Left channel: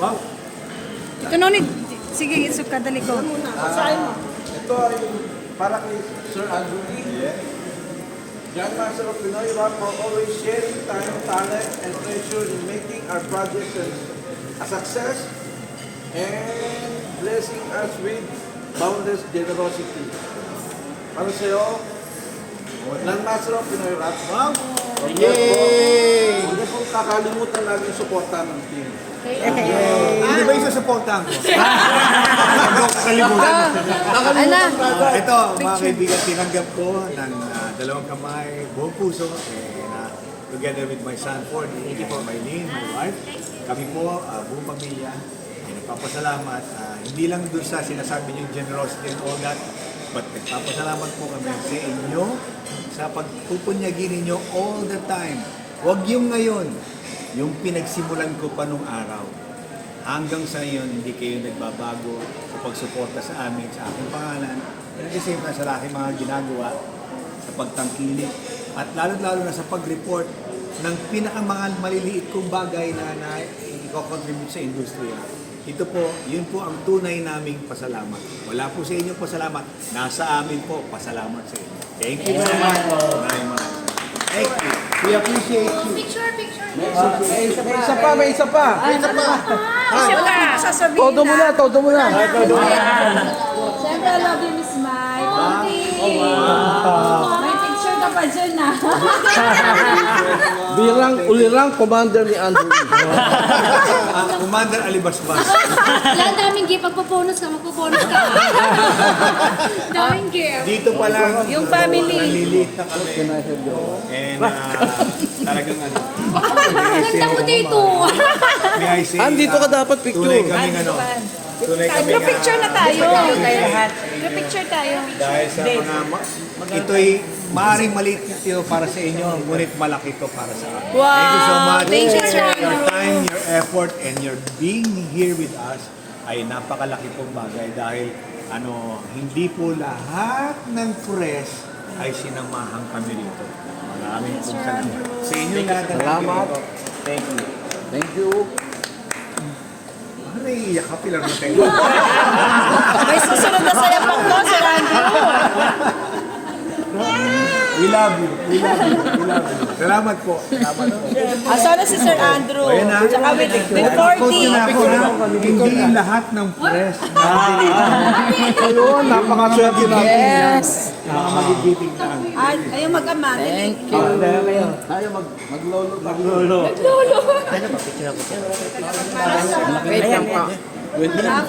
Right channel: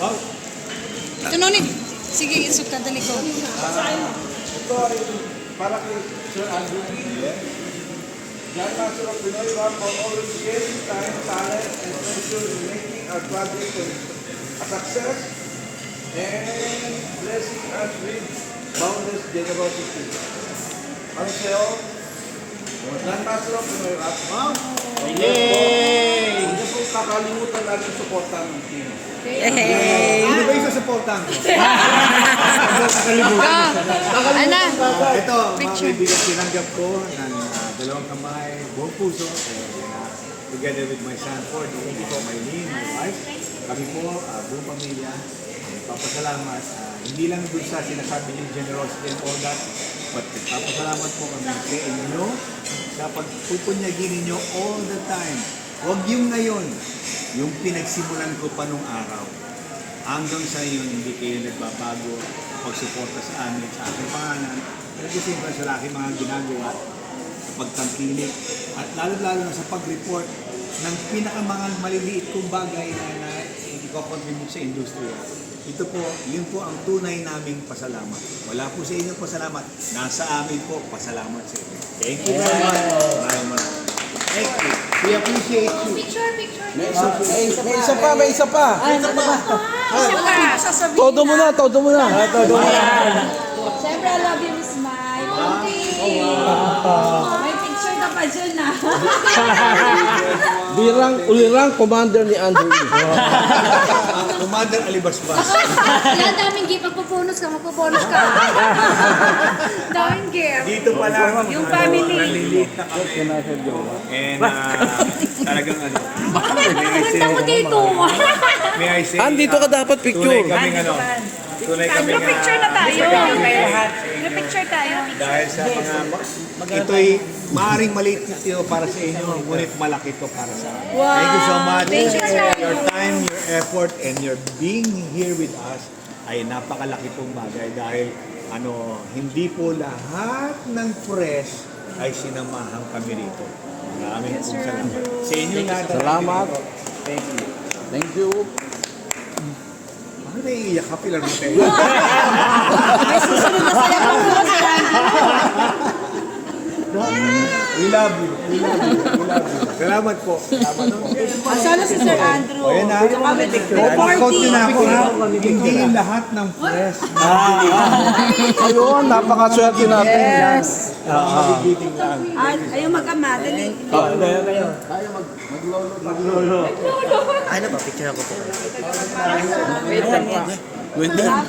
Wow. Ito nunit. Sige, isuka dali ko. Ito ay para kay Sir Andrew. Grand Master of Pinoy Rock for always sharing time, talent, and treasure in making our project a success and blessing us with boundless generosity. Para sa'yo, Grand Master of Pinoy Rock. Wow! Yay! Huwag na pong kakalimutan natin yung suporta ng team. Hindi ba yung susuportahan ko? Kakalimutan. Ito, mga kaibigan, tinanggap ko ng dalawang kamay, buong puso, together with my son, Ford, Maylene, my wife, kami po, buong pamilya, papasalamat, hindi lang doon sa sinasabi niyo generosity and all that, but papasalamat po kami sa inyo, sa pagpupunyagi ninyo all the time. Huwag yung ngayon, yung pinagsimulan ko pa nung araw. Hanggang sa ngayon, hindi kayo nagbabago sa pagsuporta sa amin, sa aking pangalan, pinag-isimpan sa aking mga ginagawa, sa pagtangkilik, at lalo-lalo na sa pag-report ng pinakamangan maliliit kong bagay na i-contribute sa industriya. Ito po, yun po ang tunay naming pasalamat. Wala po sa inyo pasalamat, nasa amin po pasalamat sa inyo. Thank you very much. Maraming. Thank you. We appreciate you. Picture. May isa pa. Isa pa, sasabihin Todo mo na. Siyempre, I love you, Miss Mai. Wow. May picture ka pa dyan na. Ulirang commander ni Andrew. Commander Alibasbas. Yan, daming gift. Magpupunos ka. Daming gift. Dito pa lang. Yung family. Naliliit na kami. And talagang Ganda mo dito. may I say, Andito ka dapat picture. Tunay kaming Picture na tayo. nag-appreciate Picture tayo. dahil sa mga ito'y maaaring maliit ito para sa inyo, ngunit malaki ito para sa akin. Wow. Thank you so much. Thank you, sir. Your time, your effort, and your being here with us ay napakalaki pong bagay dahil hindi po lahat ng press ay sinamahan kami rito. Maraming pong salamat. Sa inyo lahat. Salamat. Thank you. Thank you. Ano naiiyak ka? Pilar mo kayo. May susunod na saya po ko, Sir Andrew. We love you. Salamat po. Asa na si Sir Andrew? O yan na. Tsaka with Quote nyo na ako ha. Hindi lahat ng press na Ayun, napakaswerte natin. Yes. magigiting lang. Ayaw mag-ama. Dali. Tayo maglolo. Wait lang.